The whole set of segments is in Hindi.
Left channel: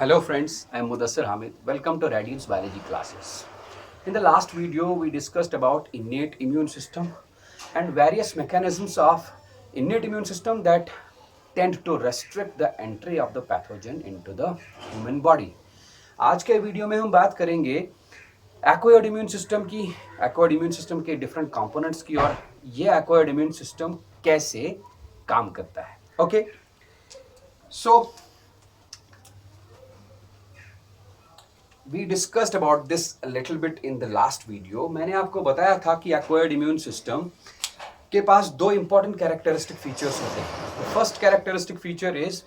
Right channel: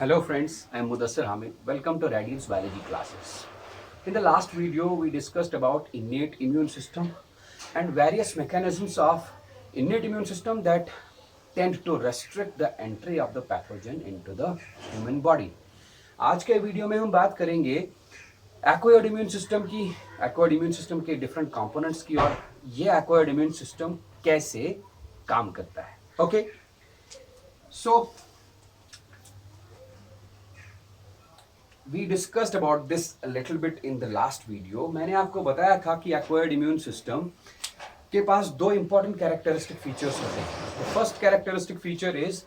Hello friends, I am Mudassir Hamid. Welcome to Radiance Biology classes. In the last video, we discussed about innate immune system and various mechanisms of innate immune system that tend to restrict the entry of the pathogen into the human body. आज के वीडियो में हम बात करेंगे एक्वायर्ड इम्यून सिस्टम की, एक्वायर्ड इम्यून सिस्टम के डिफरेंट कंपोनेंट्स की और ये एक्वायर्ड इम्यून सिस्टम कैसे काम करता है. Okay, so we discussed about this a little bit in the last video. मैंने आपको बताया था कि acquired immune system के पास दो important characteristic features होते हैं. The first characteristic feature is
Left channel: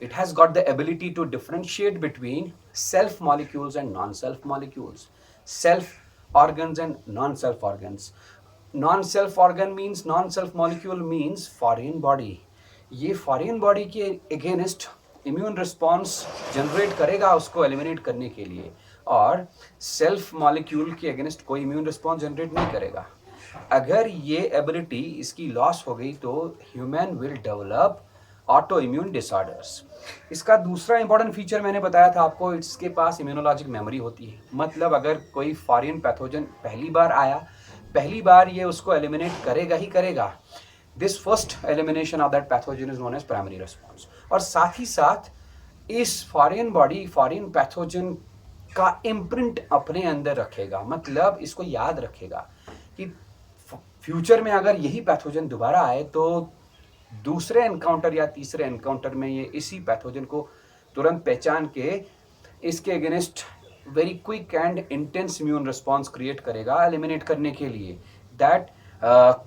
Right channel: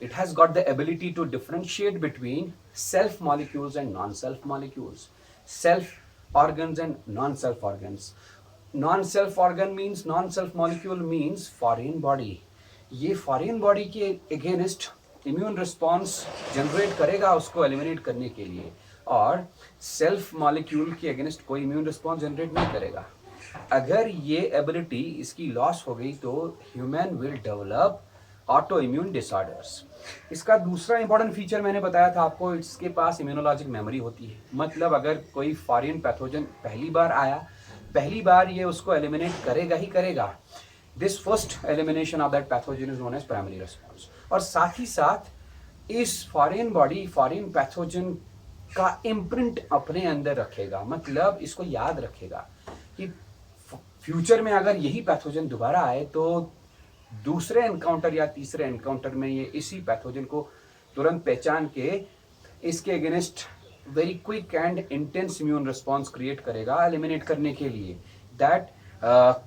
it has got the ability to differentiate between self molecules and non-self molecules, self organs and non-self organs. Non-self organ means non-self molecule means foreign body. ये foreign body के against इम्यून रिस्पॉन्स जनरेट करेगा उसको एलिमिनेट करने के लिए, और सेल्फ मॉलिक्यूल के अगेंस्ट कोई इम्यून रिस्पॉन्स जनरेट नहीं करेगा. अगर ये एबिलिटी इसकी लॉस हो गई तो human will develop auto immune disorders. इसका दूसरा इंपॉर्टेंट फीचर मैंने बताया था आपको, इसके पास इम्यूनोलॉजिक मेमोरी होती है. मतलब अगर कोई फॉरेन पैथोजन पहली बार आया, पहली बार ये उसको एलिमिनेट करेगा ही करेगा. This first elimination of that pathogen is known as primary response. और साथ ही साथ इस फॉरेन बॉडी फॉरेन पैथोजन का इम्प्रिंट अपने अंदर रखेगा. मतलब इसको याद रखेगा कि फ्यूचर में अगर यही पैथोजन दोबारा आए तो दूसरे एनकाउंटर या तीसरे एनकाउंटर में ये इसी पैथोजन को तुरंत पहचान के इसके against very quick and intense immune response create करेगा एलिमिनेट करने के लिए. That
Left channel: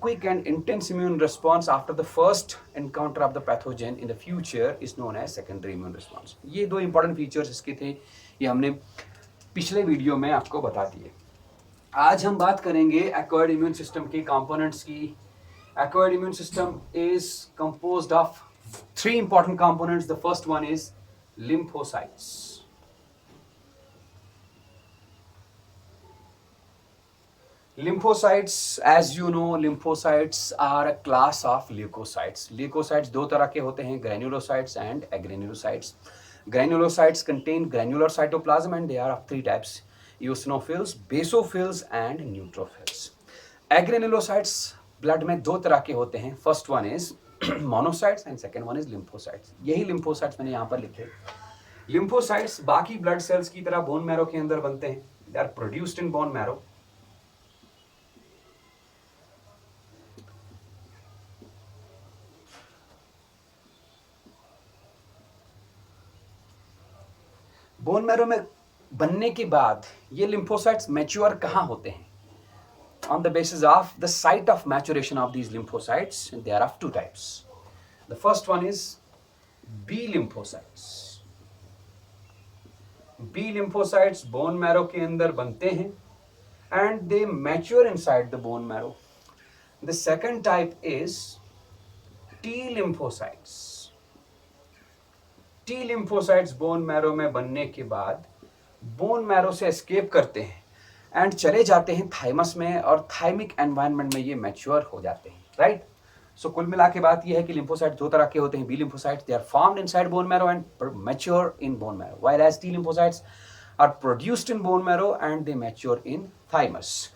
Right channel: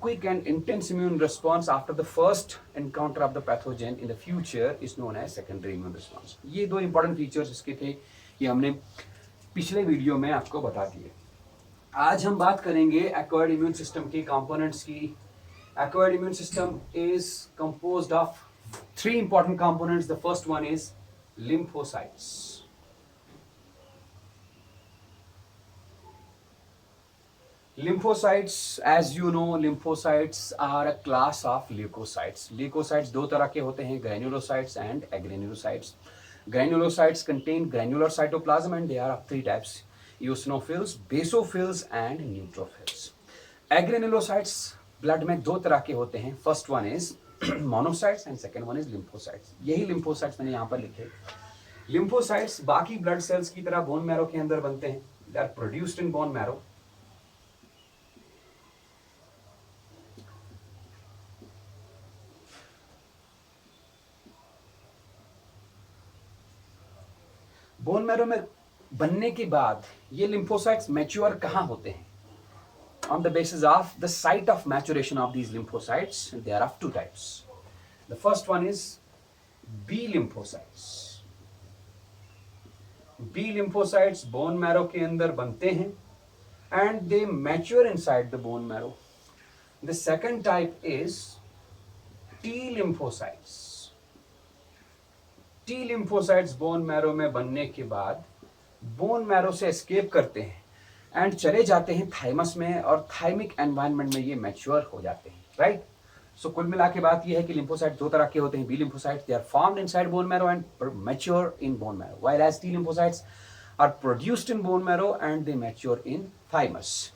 quick and intense immune response after the first encounter of the pathogen in the future is known as secondary immune response. ये दो important features इसके थे, ये हमने पिछले वीडियो में आपको बता दिए. आज हम बात करेंगे acquired immune system के components की. Acquired immune system is composed of three important components. The first one is lymphocytes. Lymphocytes, as you know, lymphocytes are a class of leukocytes. Leukocytes दो तरह के होते हैं, granulocytes and agranulocytes. Granulocytes contain granular cytoplasm and they are of three types: eosinophils, basophils and neutrophils. Agranulocytes blood में दो तरह के होते हैं. First one is monocytes and second one is lymphocytes. यही lymphocytes मैंने यहाँ पर लिखे. Lymphocytes बाकी blood cells की तरह bone marrow के अंदर बनते हैं. They are produced in bone marrow. Bone marrow में बनने के बाद ये लिम्फोसाइट्स मैच्योर कहाँ होते हैं? On the basis of the site of maturation of these lymphocytes, there are two types. The first one is B lymphocytes. B lymphocytes bone marrow के अंदर बनते हैं and they mature inside the bone marrow. The second type is T lymphocytes. T lymphocytes bone marrow में बनने के बाद बोन मैरो से एस्केप करते हैं एंड चले जाते हैं थाइमस में, और थाइमिक एनवायरनमेंट में ये मैच्योर हो जाते हैं. राइट. सो कुल मिला के बात ये है कि लिम्फोसाइट दो तरह के होते हैं. B lymphocytes they are formed inside bone marrow and mature in bone marrow, while as T lymphocytes are produced in bone marrow and they mature in thymus.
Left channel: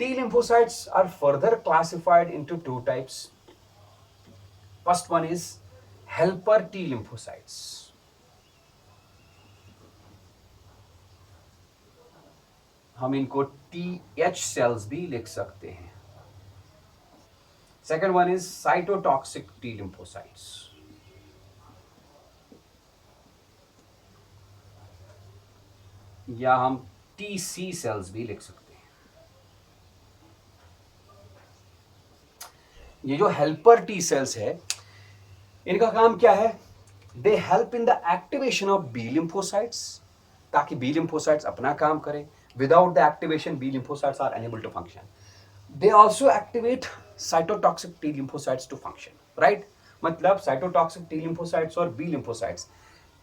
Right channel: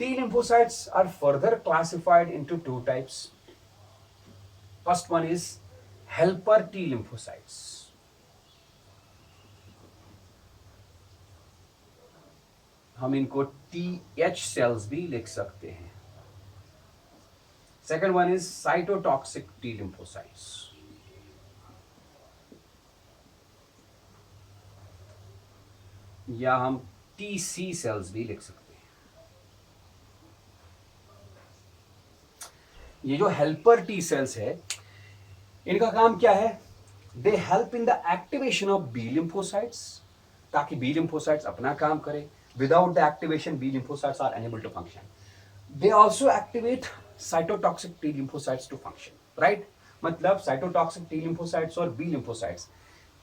T lymphocytes are further classified into two types. First one is helper T lymphocytes. हम इनको TH सेल्स भी लिख सकते हैं. Second one is cytotoxic T lymphocytes. या हम TC सेल्स भी लिख सकते हैं. ये जो हेल्पर टी सेल्स है, इनका काम क्या है? They help in the activation of B lymphocytes, ताकि बी लिम्फोसाइट्स अपना काम करें. Without the activation, B lymphocytes are unable to function. They also activate cytotoxic T lymphocytes to function. Right? मतलब cytotoxic T lymphocytes और B lymphocytes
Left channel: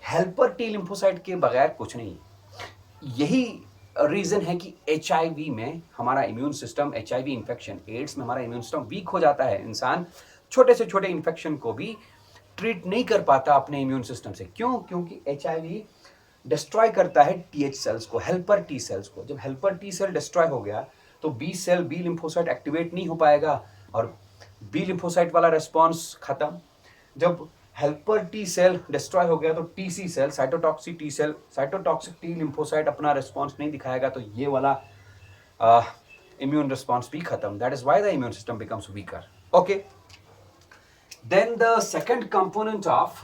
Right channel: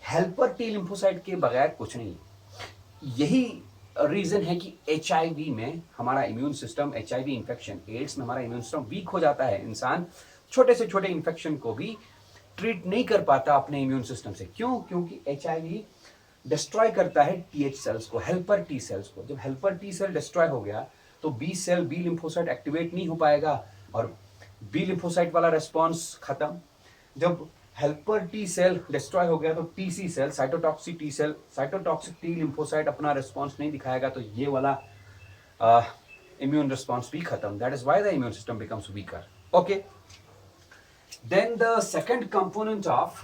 helper T lymphocyte के बगैर कुछ नहीं. यही रीजन है कि HIV में हमारा immune system, HIV infection, AIDS में हमारा इम्यून सिस्टम वीक हो जाता है. इंसान छोटे से छोटे इन्फेक्शन को भी ट्रीट नहीं कर पाता अपने इम्यून सिस्टम से. क्यों? क्योंकि HIV डिस्ट्रॉय करता है टीएच सेल्स को, हेल्पर टी सेल्स को। जब हेल्पर टी सेल डिस्ट्रॉय हो गया तो B cell, B lymphocyte activate नहीं हो पाएगा और बी लिम्फोसाइट वाला रेस्पॉन्स खत्म। जब हेल्पर टी सेल डिस्ट्रॉय हो गया तो TC cell, cytotoxic T cell, cytotoxic T lymphocyte अपना रेस्पॉन्स नहीं दिखाएगा, तो ये वाला immune response भी खत्म. That is why the immune system becomes weaker. Okay. Then the second component of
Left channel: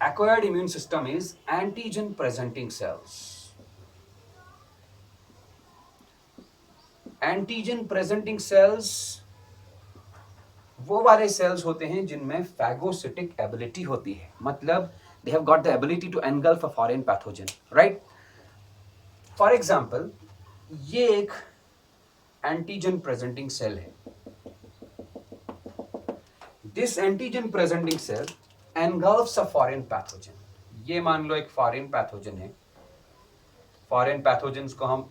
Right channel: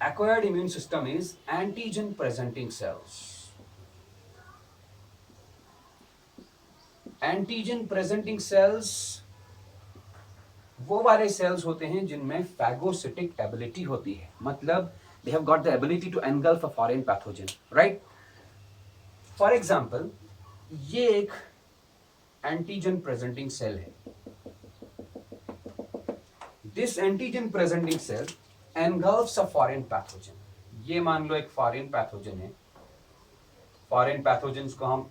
acquired immune system is antigen presenting cells. Antigen presenting cells वो वाले सेल्स होते हैं जिनमें फैगोसिटिक एबिलिटी होती है, मतलब they have got the ability to engulf a foreign pathogen, right? For example, ये एक एंटीजन प्रेजेंटिंग सेल है. This antigen presenting cell engulfs a foreign pathogen. ये मान लो एक फॉरेन पैथोजन है. फॉरेन पैथोजेंस को हम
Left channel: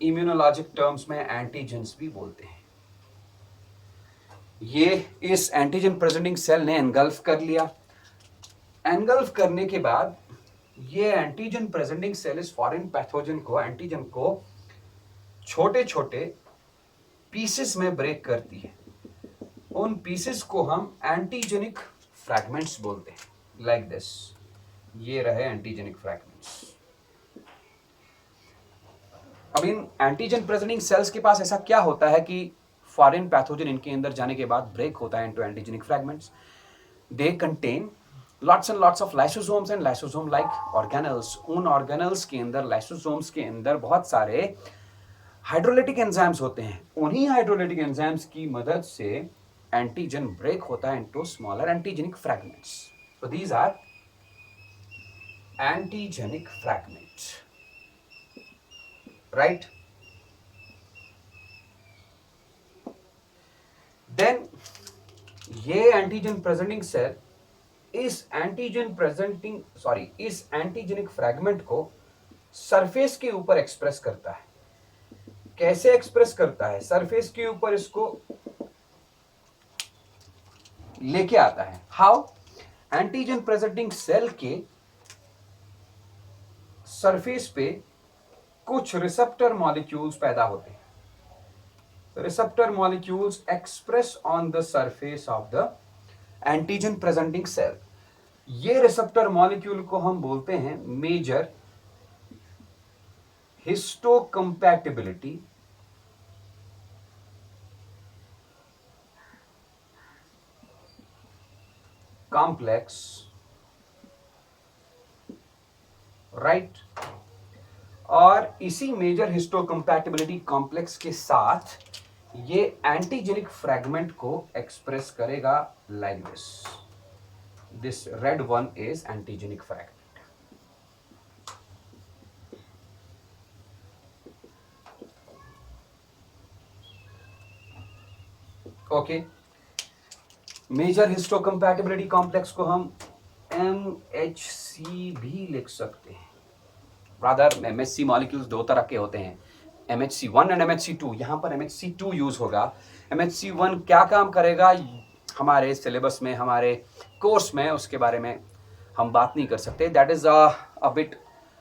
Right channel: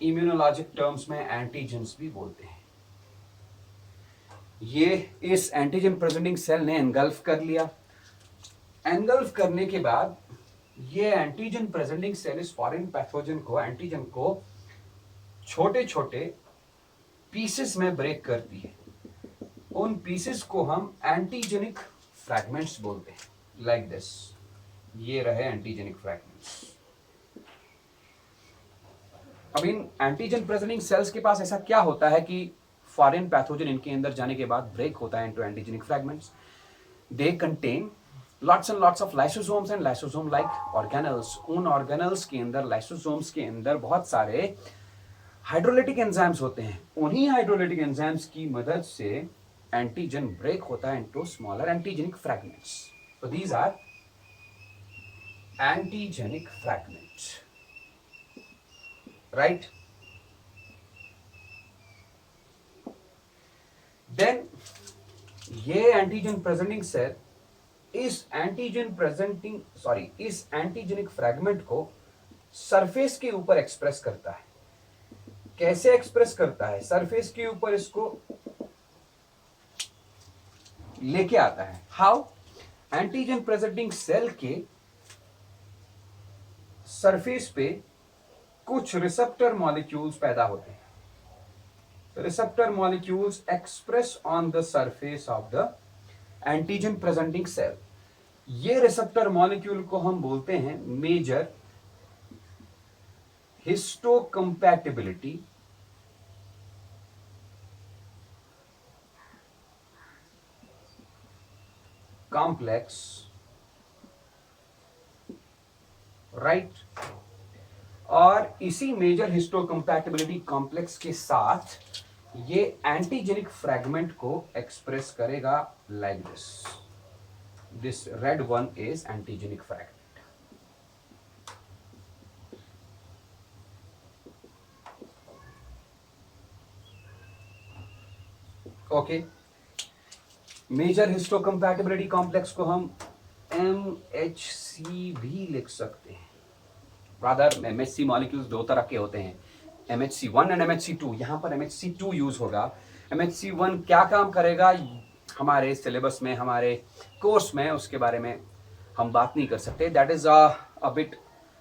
इम्यूनोलॉजिक टर्म्स में एंटीजेंस भी बोलते हैं. ये इस एंटीजन प्रेजेंटिंग सेल ने एनगल्फ कर लिया. एनगल्फ करने के बाद ये एंटीजन प्रेजेंटिंग सेल इस फॉरेन पैथोजन को, एंटीजन को छोटे छोटे पीसेस में ब्रेक करती है. उन पीसेस को हम एंटीजेनिक फ्रैगमेंट्स बोलते हैं. लाइक दिस, ये रहे एंटीजेनिक फ्रैगमेंट्स. अब इन एंटीजन प्रेजेंटिंग सेल्स के पास ऐसा क्या होता है कि फॉरेन पैथोजन इनके अंदर जाने के बाद ब्रेक होता है into antigenic fragments. They contain lots and lots of lysosomes and lysosome like organelles. उन organelles के अंदर, lysosomes के अंदर बहुत सारे हाइड्रोलिटिक एंजाइम्स होते हैं. उन्हीं हाइड्रोलिटिक एंजाइम्स की मदद से एंटीजन ब्रेक होता है into smaller antigenic fragments. So these are antigenic fragments, right? Then ये एंटीजन प्रेजेंटिंग सेल इस एंटीजेनिक फ्रैगमेंट को सरफेस के ऊपर एक्सप्रेस करता है. कैसे एक्सप्रेस करता है? सरफेस के ऊपर इसको लेके आता है. हाउ? एंटीजन प्रेजेंटिंग सेल के सरफेस पे कुछ रिसेप्टर मॉलिक्यूल्स पैदा होते हैं. Receptor molecules express on the surface of the antigen presenting cell. ये रिसेप्टर मॉलिक्यूल को हम बोलते हैं मेजर हिस्टोकम्पैटिबिलिटी कॉम्प्लेक्स, राइट? और इसी मेजर हिस्टोकम्पैटिबिलिटी कॉम्प्लेक्स के साथ ये एंटीजेनिक फ्रैगमेंट को एक्सप्रेस करेगा like this. This red one is antigenic fragment. Okay. Major histocompatibility complex को हम MHC भी लिख सकते हैं. रादर MHC मॉलिक्यूल्स दो तरह के होते हैं, MHC1 एंड MHC2. यहां पर MHC2 यूज होगा. MHC1 क्या काम करेगा हमारे सिलेबस में, हमारे कोर्स में, उसके बारे में हम बात नहीं कर सकते. That is a bit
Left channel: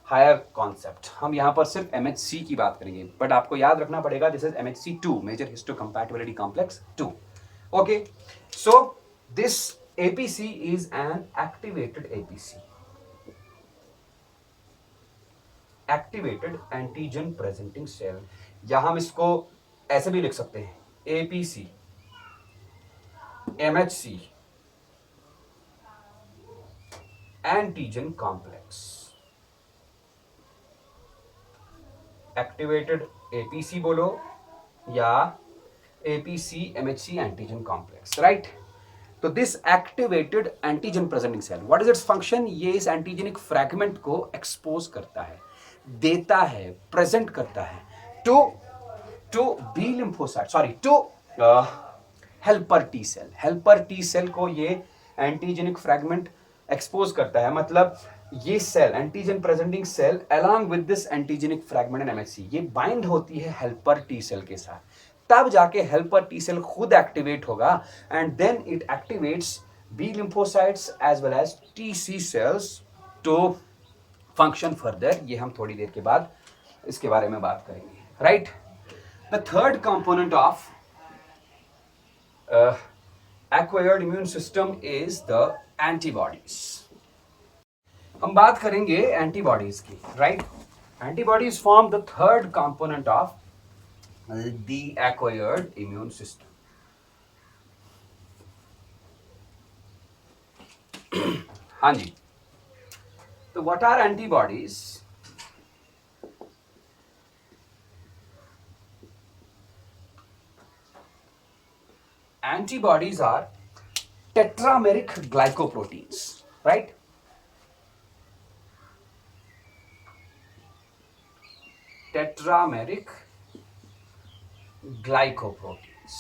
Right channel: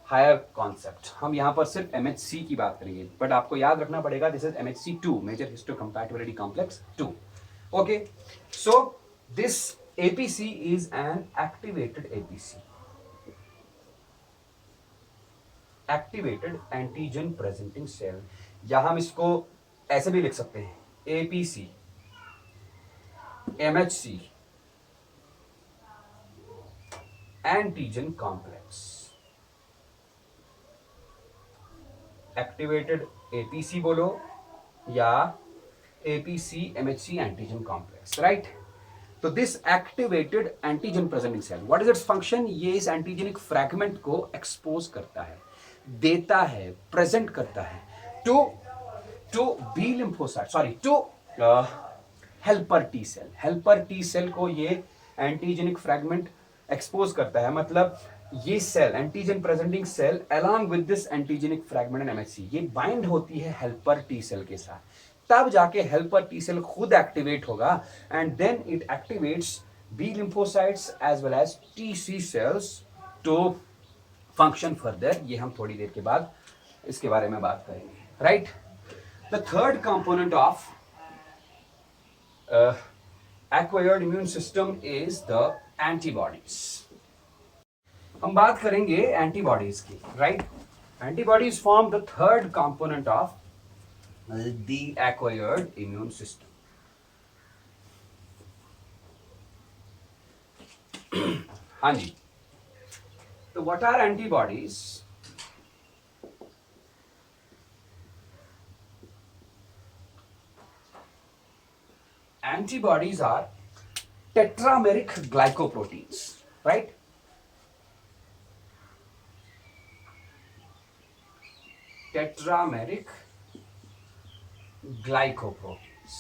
higher concept. हम यहाँ पर सिर्फ MHC की बात करेंगे, बट आपको याद रखना पड़ेगा this is MHC2, major histocompatibility complex 2. Okay, so this APC is an activated APC, activated antigen presenting cell. या हम इसको ऐसे भी लिख सकते हैं, APC, MHC, antigen complex. Activated APC बोलो या APC MHC antigen complex, right? तो this activated antigen presenting cell, what is its function? ये इस एंटीजेनिक फ्रैगमेंट को एक्सपोज करता है, देता है, प्रेजेंट करता है to B lymphocyte, to helper T cell. Helper T cell को ये एंटीजेनिक फ्रैगमेंट एक्सपोज करता है. मतलब ये cell, antigen presenting cell along with this antigenic fragment in MHC, ये बाइंड होती है हेल्पर टी सेल के साथ. तब जाके हेल्पर टी सेल खुद एक्टिवेट होगा and then it activates B lymphocytes as well as TC cells to function further, ये हम थोड़ी देर के बाद इसके बारे में बात करेंगे, right. The third component of acquired immune system is the antibodies. हम बात करेंगे एंटीबॉडीज की, right. Antibodies form the third component of the acquired immune system. हाँ जी, तो what are antibodies? Antibodies are tetrameric glycoproteins, right? Tetrameric glycoproteins.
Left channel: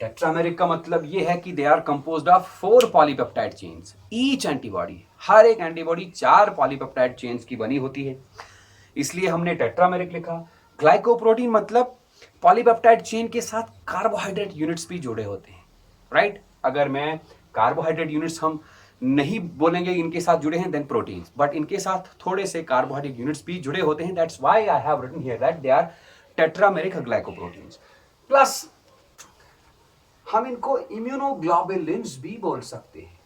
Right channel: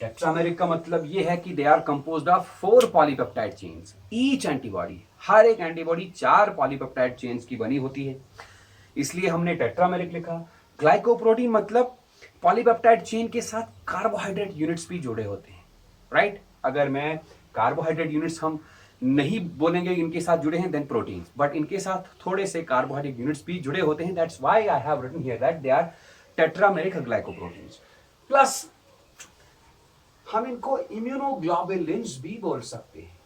Tetrameric का मतलब ये है कि they are composed of 4 polypeptide chains. Each antibody, हर एक एंटीबॉडी 4 पॉलीपेप्टाइड चेन्स की बनी होती है, इसलिए हमने टेट्रामेरिक लिखा। ग्लाइकोप्रोटीन मतलब पॉलीपेप्टाइड चेन के साथ कार्बोहाइड्रेट यूनिट्स भी जुड़े होते हैं, राइट। अगर मैं कार्बोहाइड्रेट यूनिट्स हम नहीं बोलेंगे इनके साथ जुड़े हैं देन प्रोटीन्स, बट इनके साथ थोड़े से कार्बोहाइड्रेट यूनिट्स भी जुड़े होते हैं। That's why I have written here that they are tetrameric glycoproteins. Plus हम इनको इम्यूनोग्लोबुलिन्स भी बोल सकते हैं।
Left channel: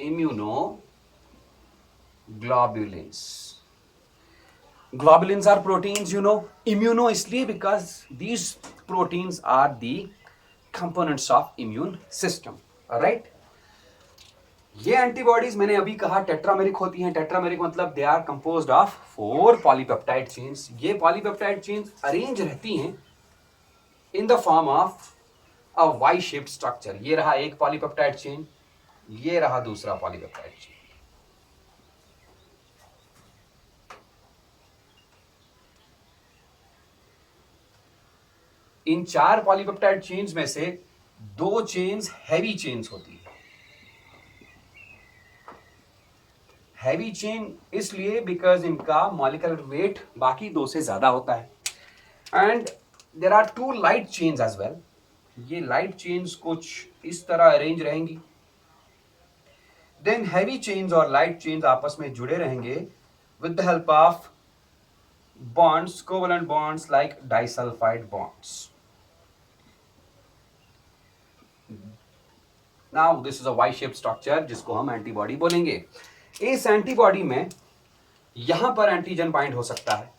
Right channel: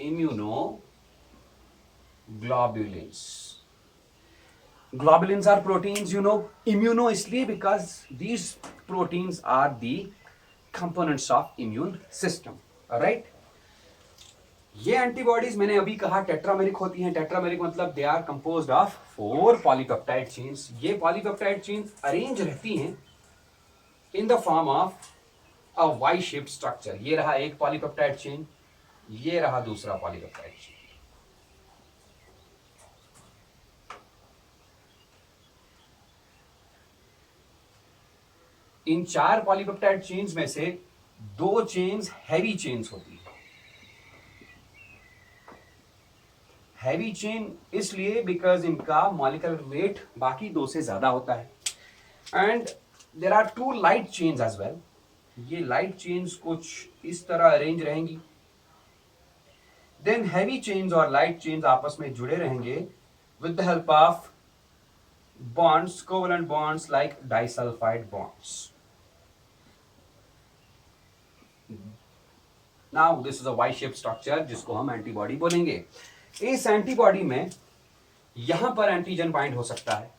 Immunoglobulins, globulins are proteins, you know. Immuno इसलिए because these proteins are the components of immune system, alright. ये एंटीबॉडीज मैंने अभी कहा टेट्रामेरिक होती हैं। टेट्रामेरिक मतलब they are composed of 4 polypeptide chains. ये पॉलीपेप्टाइड चेन्स अरेंज रहती हैं in the form of a Y shaped structure. ये रहा एक पॉलीपेप्टाइड चेन, ये रहा दूसरा पॉलीपेप्टाइड चेन। इन 4 पॉलीपेप्टाइड चेन्स में से 2 चेन्स हैवी चेन्स होती है। हैवी चेन इसलिए बिकॉज इनका मॉलिक्यूलर वेट बाकी 2 से ज्यादा होता है। And there are 2 light chains as well. ये लाइट चेन्स कुछ इस तरह अरेंज रहेंगी। देन हैवी चेन्स और लाइट चेन्स आपस में जुड़े रहेंगे with the help of bonds, covalent bonds like disulfide bonds. Now this is a Y-shaped structure जिसको हम एंटीबॉडी बोलेंगे। इस एंटीबॉडी में यहां पर एंटीजन बाइंड हो सकता है,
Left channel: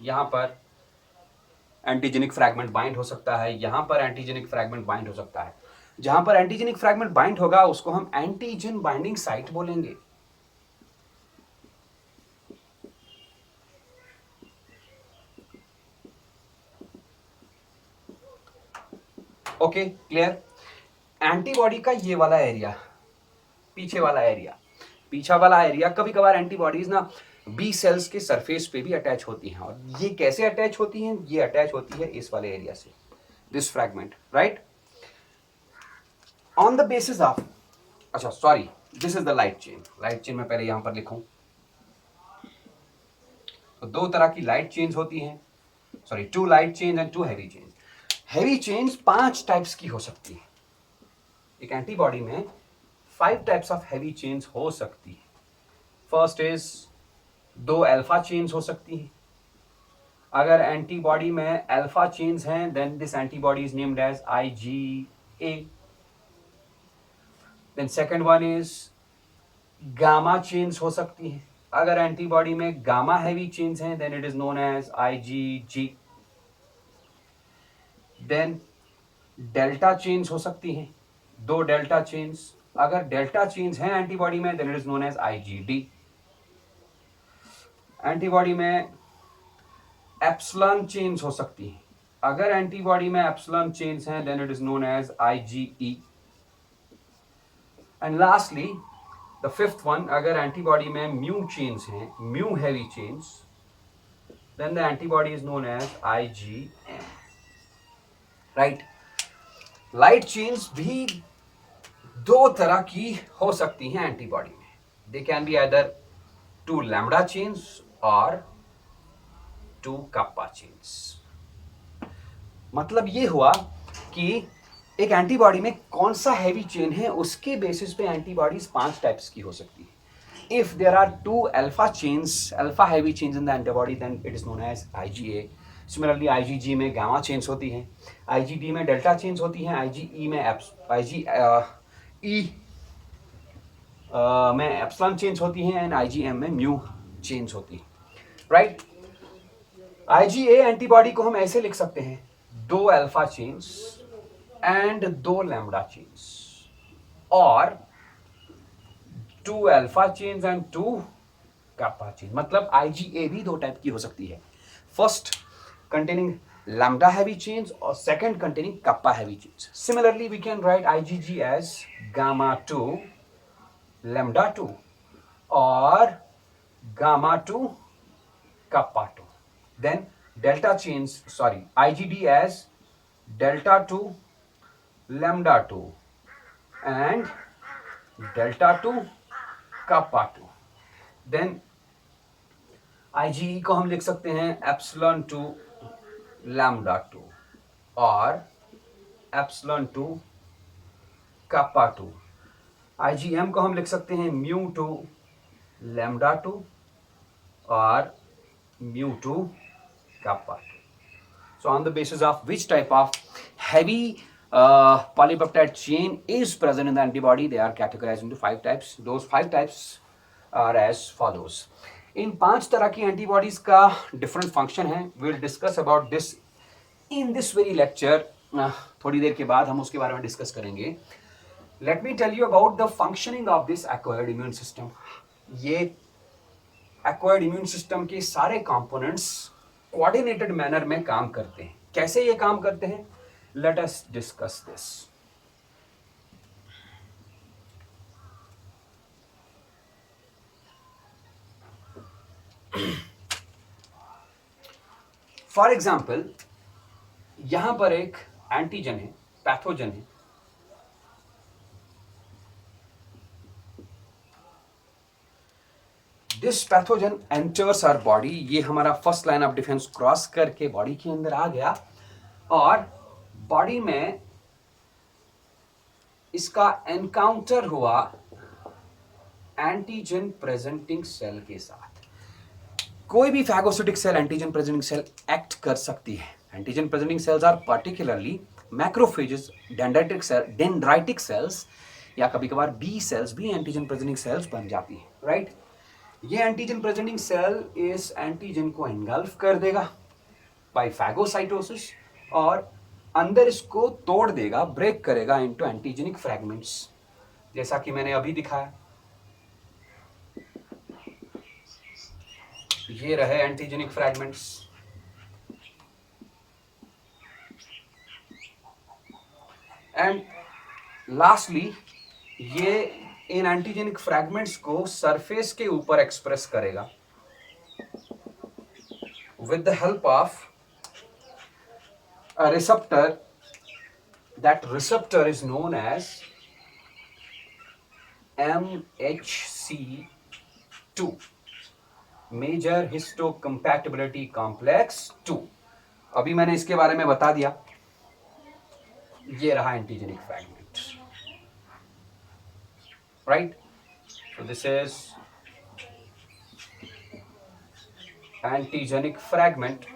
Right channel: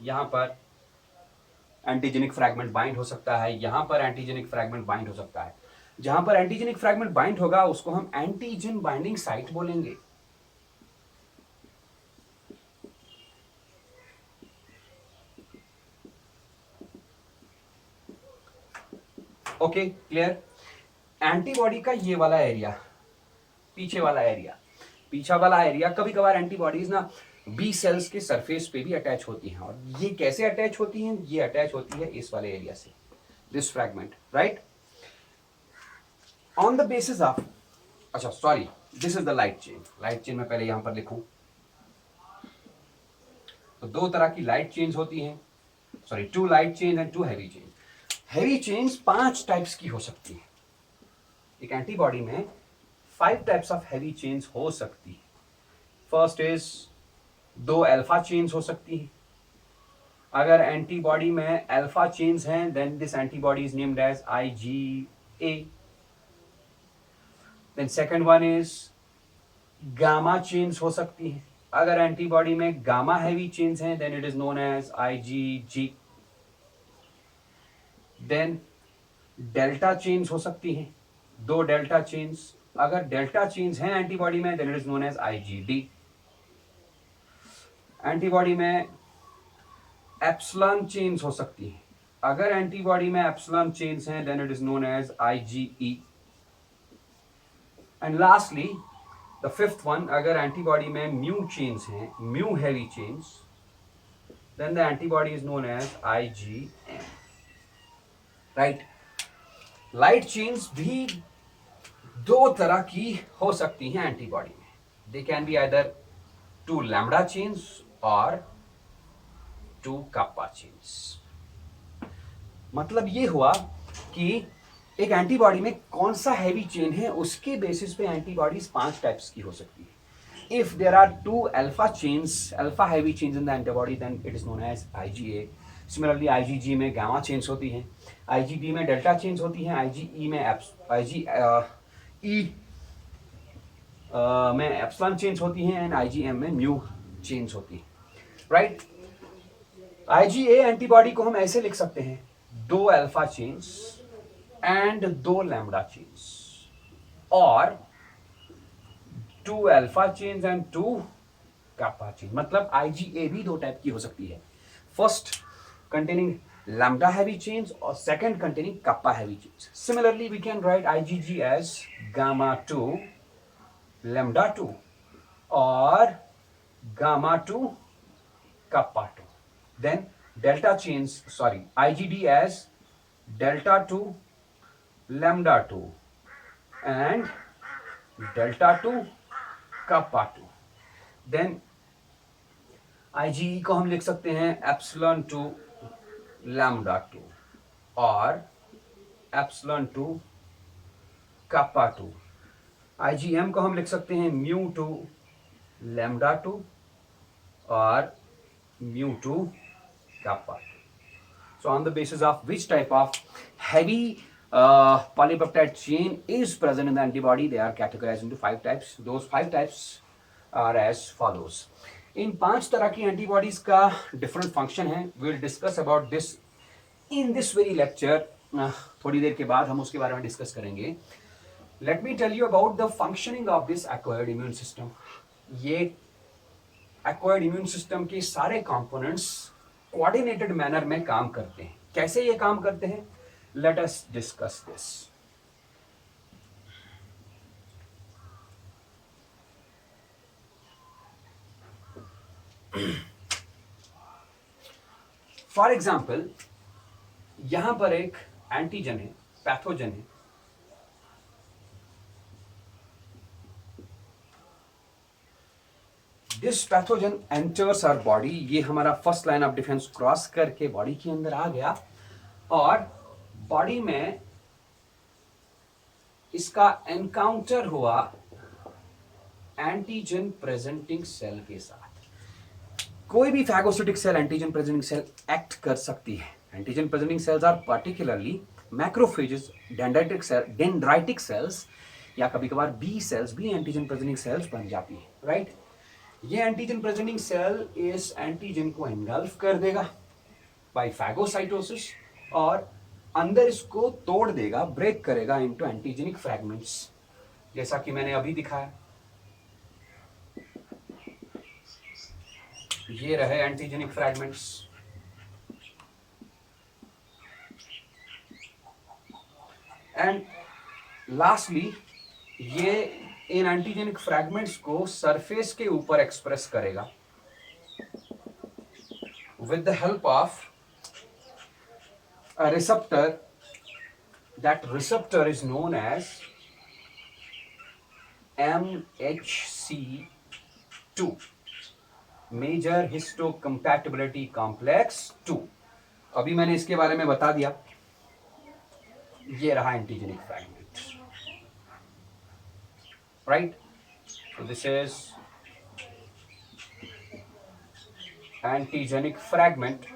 यहां पर एंटीजेनिक फ्रैगमेंट बाइंड हो सकता है, यहां पर एंटीजेनिक फ्रैगमेंट बाइंड हो सकता है। जहां पर एंटीजेनिक फ्रैगमेंट बाइंड होगा उसको हम एंटीजन बाइंडिंग साइट बोलेंगे। Okay, clear. एंटीबॉडी का ये वाला एरिया, पीछे वाला एरिया, पीछा वाला एरिया कभी कभार एंटीबॉडीज ना बी सेल्स के सरफेस पे भी अटैच होती हैं। और ये कैसे अटैच होती हैं? ये अटैच होती है इस वाले एरिया से, this fragment, right. On the basis of, अच्छा sorry, this is the light chain. Light chain में पहले यहां पर लिखूं तो 2 तरह की लाइट चेन्स होती हैं, sorry 2 light chain and 2 heavy chain. Heavy chains 5 types की हो सकती है। एक एंटीबॉडी में 5 टाइप्स ऑफ हैवी चेन्स हो सकती है। फर्स्ट इज 2 अल्फा चेन्स हो सकती है। अगर एंटीबॉडी में अल्फा चेन्स हैं then this antibody is named as IgA। Then second one is gamma chains हो सकती है। अगर एंटीबॉडी में गामा हैवी चेन्स हैं then it is known as IgG। Then delta chains हो सकती हैं, 2 डेल्टा चेन्स। अगर डेल्टा चेन्स हैं एंटीबॉडी में then it is known as IgD। Antibody में एप्सिलॉन चेन्स हो सकती हैं। अगर एंटीबॉडी में एप्सिलॉन चेन्स हैं then it is known as IgE। And lastly the fifth one, अगर एंटीबॉडी में म्यू चेन्स हैं, mu heavy chains, then the antibody is known as IgM, right. Light chains भी 2 तरह की हो सकती हैं एंटीबॉडी में। They can be either 2 lambda chains और 2 कप्पा चेन्स। मतलब ये हुआ कि एक एंटीबॉडी में कौन सा हैवी चेन है उसके बेसिस पे एंटीबॉडीज 5 टाइप्स की हो सकती है। If there are 2 alpha chains, alpha heavy chains in the antibody, then it is known as IgA। Similarly IgG में गामा चेन्स होती हैं, IgD में डेल्टा चेन्स होती हैं, IgE में में एप्सिलॉन चेन्स होती हैं, एंड IgM में म्यू चेन्स होती है, राइट। IgA एंटीबॉडी को हम ऐसे लिख सकते हैं, 2 alpha chains and 2 lambda chains, और 2 alpha chains and 2 kappa chain. मतलब IgA भी 2 टाइप की हो सकती है, first containing lambda heavy chains or second containing kappa heavy chains. Similarly, we can write IgG as gamma 2 lambda 2 or gamma 2 kappa 2. Then delta chains, sorry, IgD as delta 2 lambda 2 and delta 2 kappa 2. Then IgE को हम लिख सकते हैं एप्सिलॉन 2 लैम्डा 2 और एप्सिलॉन 2 kappa 2. IgM को हम लिख सकते हैं म्यू 2 लैम्डा 2 और mu 2 kappa 2. So on the basis of which type of heavy polypeptide chain is present in the antibody, they are categorized into 5 types. Those 5 types are as follows. इन 5 तरह की एंटीबॉडीज का डिफरेंट फंक्शन है। Will discuss about this in this very lecture. थोड़ी देर के बाद हम उसके बारे में डिस्कस करेंगे। Let me tell you about the functioning of this acquired immune system. ये एक्वायर्ड इम्यून सिस्टम के सारे कंपोनेंट्स कोऑर्डिनेटेड मैनर में काम करते हैं। कैसे ये काम करते हैं, let us discuss this. For example, यहां पर एक एंटीजन है, पैथोजन है। This pathogen enters our body. ये हमारा first line of defence cross करके बॉडी के अंदर आ गया और बॉडी में इसका एनकाउंटर हुआ एंटीजन प्रेजेंटिंग सेल के साथ। कोई भी phagocytic cell antigen presenting cell act कर सकती है। Antigen presenting cells are particularly macrophages, dendritic cells, या कभी कभार बी सेल्स भी एंटीजन प्रेजेंटिंग सेल्स बन जाती है, राइट। ये एंटीजन प्रेजेंटिंग सेल इस एंटीजन को एनगल्फ कर देगा बाय फैगोसाइटोसिस और अंदर इसको तोड़ देगा, ब्रेक करेगा इनटू एंटीजेनिक फ्रैगमेंट्स, जैसा कि मैंने अभी दिखाया। ये रहे एंटीजेनिक फ्रैगमेंट्स। एंड लास्टली ये इन एंटीजेनिक फ्रैगमेंट्स को सरफेस के ऊपर एक्सप्रेस करेगा with the help of a receptor. That receptor is known as MHC2, major histocompatibility complex 2। अभी मैंने इसके बारे में बता दिया। ये रहा antigenic fragment, right. So this is antigenic fragment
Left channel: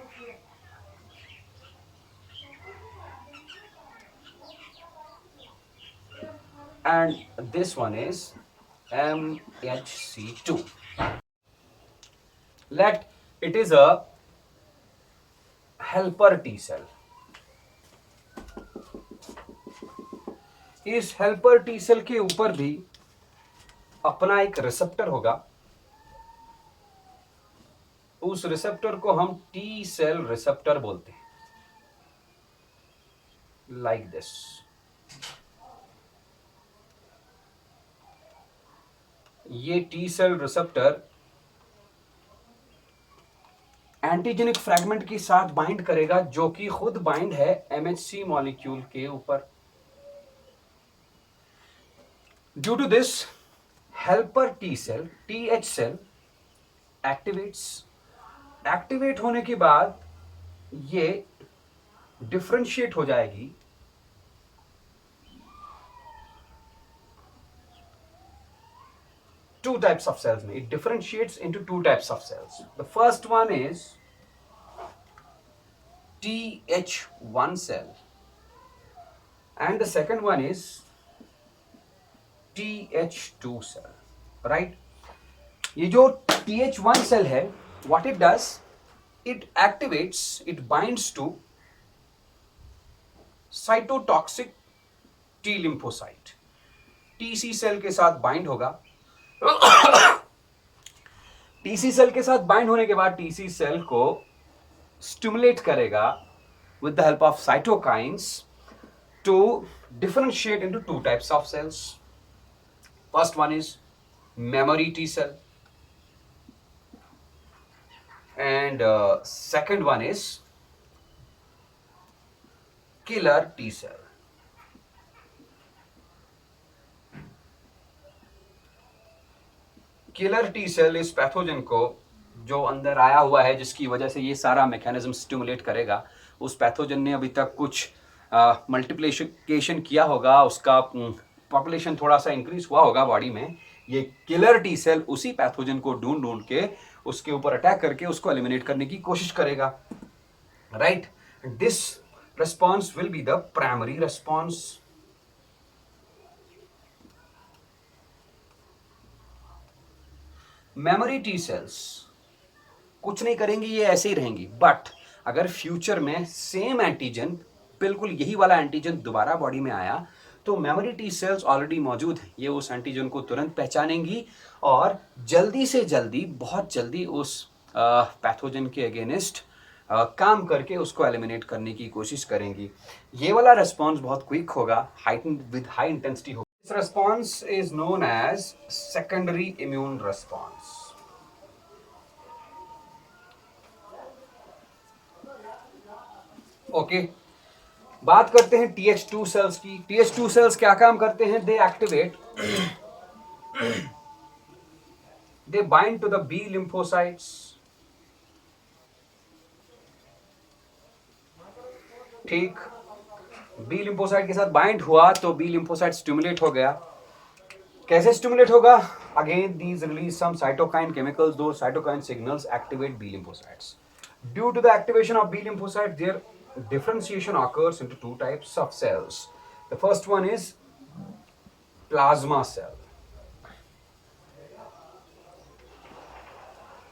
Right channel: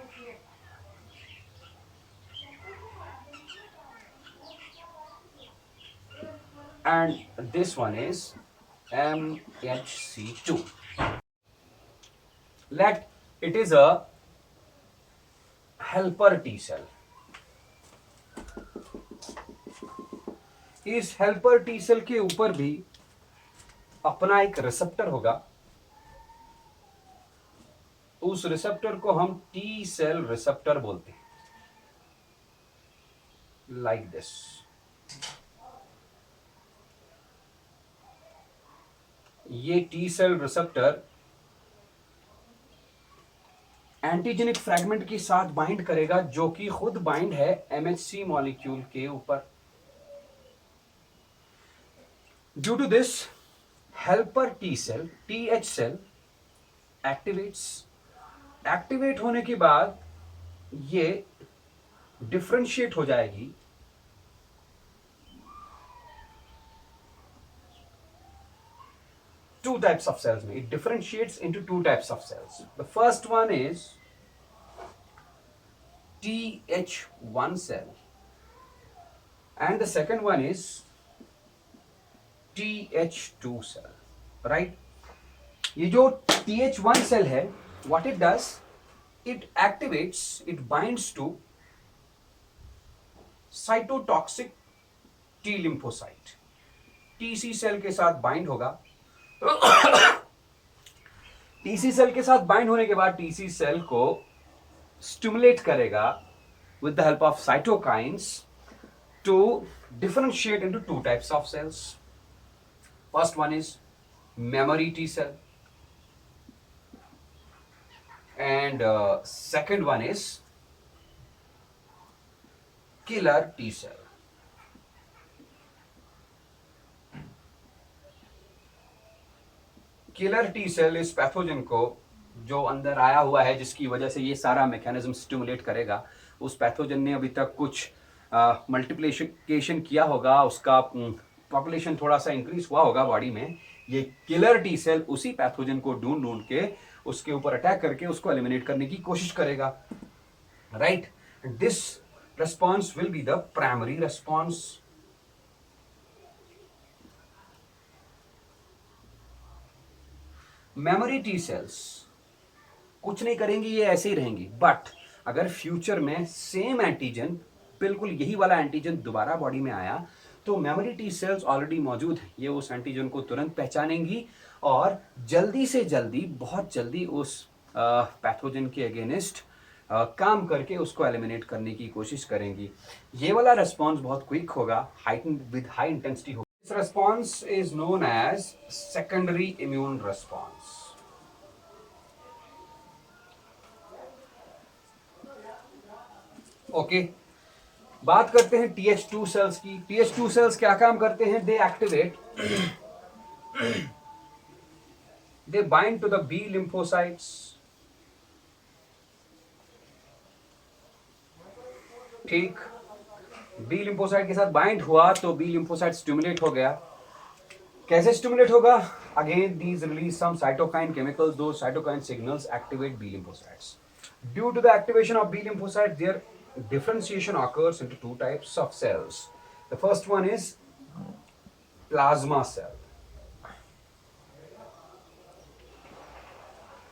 and this one is MHC2. Let it is a helper T cell. इस हेल्पर टी सेल के ऊपर भी अपना एक रिसेप्टर होगा। उस रिसेप्टर को हम टी सेल रिसेप्टर बोलते हैं, लाइक दिस। ये T cell receptor antigenic fragment के साथ बाइंड करेगा, जो कि खुद बाइंड है MHC मॉलिक्यूल के ऊपर। Due to this, helper T cell, TH cell activates. Activate होने के बाद ये डिफरेंशिएट हो जाएगी two types of cells. It differentiates into two types of cells. The first one is Th1 cell and the second one is Th2 cell, right? ये जो Th1 cell है, what it does, it activates, it binds to cytotoxic T lymphocyte. TC cell के साथ बाइंड होगा. TC सेल के साथ बाइंड होने के बाद TC सेल को स्टिमुलेट करेगा with the help of cytokines to differentiate into two types of cells. First one is memory T cell and second one is killer T cell. Killer T cell इस पैथोजन को जो अंदर आया हुआ है, जिसकी वजह से ये सारा मैकेनिज्म स्टिमुलेट करेगा, उस पैथोजन ने अभी तक कुछ मल्टीप्लिकेशन किया होगा, उसका पॉपुलेशन थोड़ा सा इंक्रीज हुआ होगा बॉडी में. ये किलर टी सेल उसी पैथोजन को ढूंढ ढूंढ के उसके ऊपर अटैक करके उसको एलिमिनेट करने की कोशिश करेगा, right. This response will be the primary response. Memory T cells कुछ नहीं करेंगी, ये ऐसे ही रहेंगी. बट अगर फ्यूचर में सेम एंटीजन, बिल्कुल यही वाला एंटीजन दोबारा बॉडी में आया, तो मेमोरी टी सेल्स ऑलरेडी मौजूद हैं, ये उस एंटीजन को तुरंत पहचानेंगी और जल्दी से जल्दी, बहुत जल्दी उस पैथोजन के अगेंस्ट काम करके उसको एलिमिनेट करने की कोशिश करेंगी. ये वाला रेस्पॉन्स बहुत क्विक होगा, विद हाई इंटेंसिटी होगा. This response is known as secondary immune response. Okay, बात करते हैं TH2 सेल्स की. TH2 सेल्स क्या काम करते हैं? They activate, they bind to the B lymphocytes. ठीक, बी लिम्फोसाइट के साथ बाइंड हुआ तो बी लिम्फोसाइट स्टिमुलेट हो गया. कैसे स्टिमुलेट होगा? Again these release some cytokine chemicals, दो cytokine signals activate B lymphocytes. Due to the activation of B lymphocyte, there differentiation occurs into two types of cells. The first one is plasma cell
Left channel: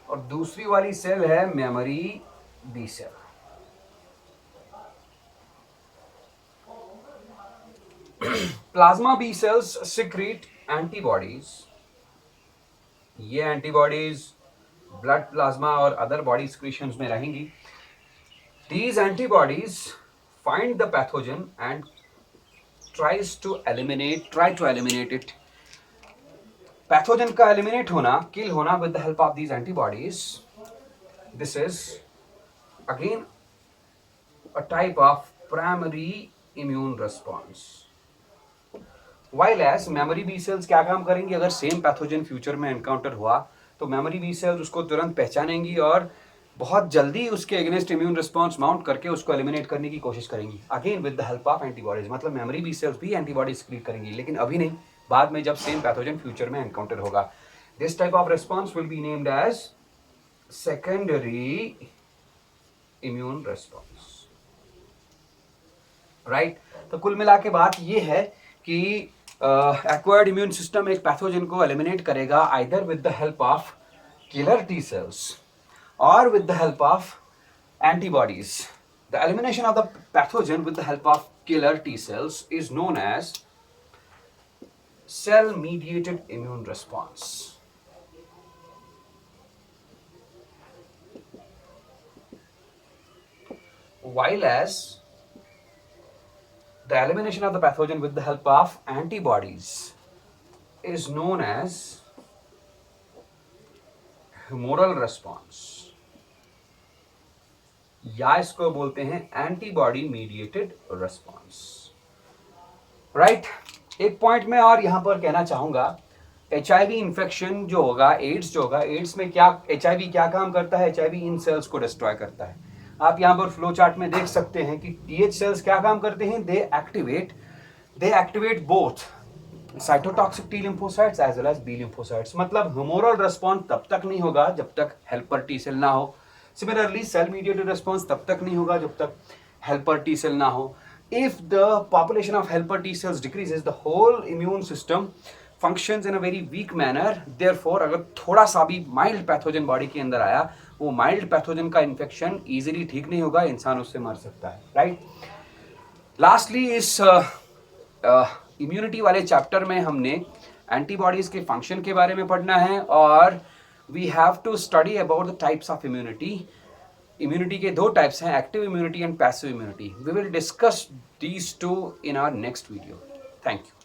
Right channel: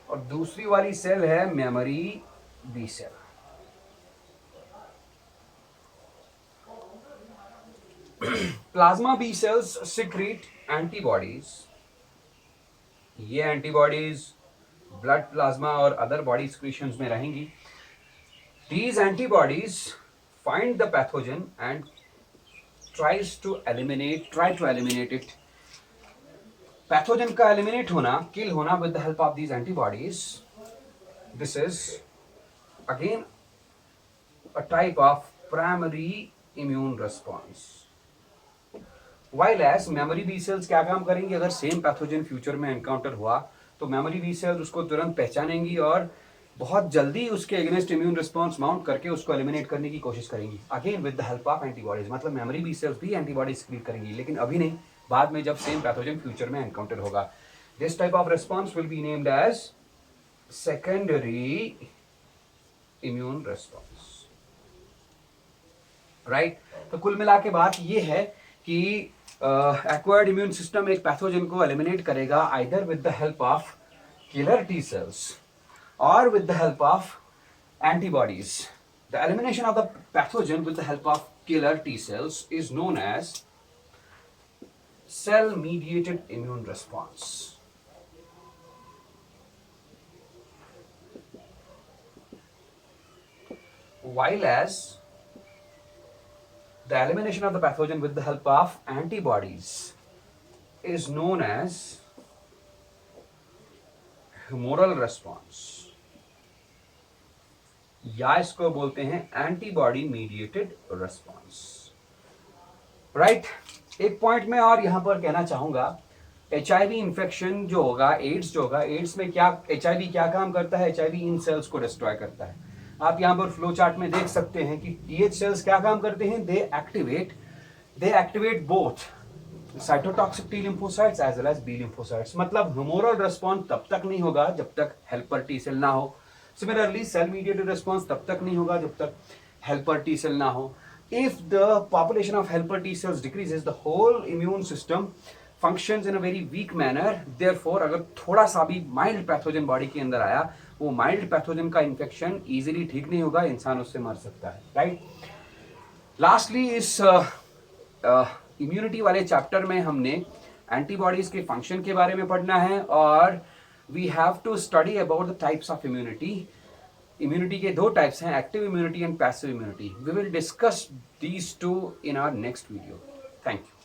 और दूसरी वाली सेल है memory B cell. Plasma B cells secrete antibodies. ये एंटीबॉडीज ब्लड प्लाज्मा और अदर बॉडी सिक्रीशंस में रहेंगी. These antibodies find the pathogen and try to eliminate it. Pathogen का eliminate होना, kill होना with the help of these antibodies. This is again a type of primary immune response. While as memory B cells क्या काम करेंगी? अगर सेम पैथोजन फ्यूचर में एनकाउंटर हुआ तो मेमोरी बी सेल्स उसको तुरंत पहचानेंगी और बहुत जल्दी उसके अगेंस्ट इम्यून रिस्पॉन्स माउंट करके उसको एलिमिनेट करने की कोशिश करेंगी, again with the help of antibodies. मतलब मेमोरी बी सेल्स भी एंटीबॉडीज क्रिएट करेंगी, लेकिन अभी नहीं, बाद में जब सेम पैथोजन फ्यूचर में एनकाउंटर होगा. This type of response will be named as secondary immune response, right. तो कुल मिला के बात ये है कि एक्वायर्ड इम्यून सिस्टम एक पैथोजन को एलिमिनेट करेगा either with the help of killer T cells or with the help of antibodies. The elimination of the pathogen with the help of killer T cells is known as cell-mediated immune response. While as the elimination of the pathogen with the help of antibodies is known as humoral response. या इसको बोलते हैं एंटीबॉडी मीडिएटेड रेस्पॉन्स, राइट. एक पॉइंट में और यहां पर कहना चाहूंगा, HIV इन्फेक्शन जो होगा, एड्स जो होगा, एड्स में क्या HIV क्या काम करता है? HIV इन सेल्स को डिस्ट्रॉय करता है. आप यहां पर फ्लो चार्ट में देख सकते हैं कि TH सेल्स क्या काम करते हैं? They activate both cytotoxic T lymphocytes as well as B lymphocytes. मतलब ह्यूमोरल रिस्पॉन्स तब तक नहीं होगा जब तक हेल्पर टी सेल ना हो। सिमिलरली सेल मीडिएटेड रिस्पॉन्स तब तक नहीं होगा जब तक हेल्पर टी सेल ना हो। If the population of helper T cells decreases, the whole immune system functions in a very weak manner. Therefore अगर थोड़ा सा भी माइल्ड पैथोजन बॉडी के अंदर आया, वो माइल्ड पैथोजन का इन्फेक्शन इजीली ठीक नहीं होगा, इंसान उससे मर सकता है, राइट। लास्टली इस इम्यूनिटी वाले चैप्टर में हमने एंटीबॉडीज के फंक्शन के बारे में पढ़ना है, और we have to study about the types of immunity. Immunity के दो टाइप्स हैं, active immunity and passive immunity. We will discuss these two in our next video. Thank you.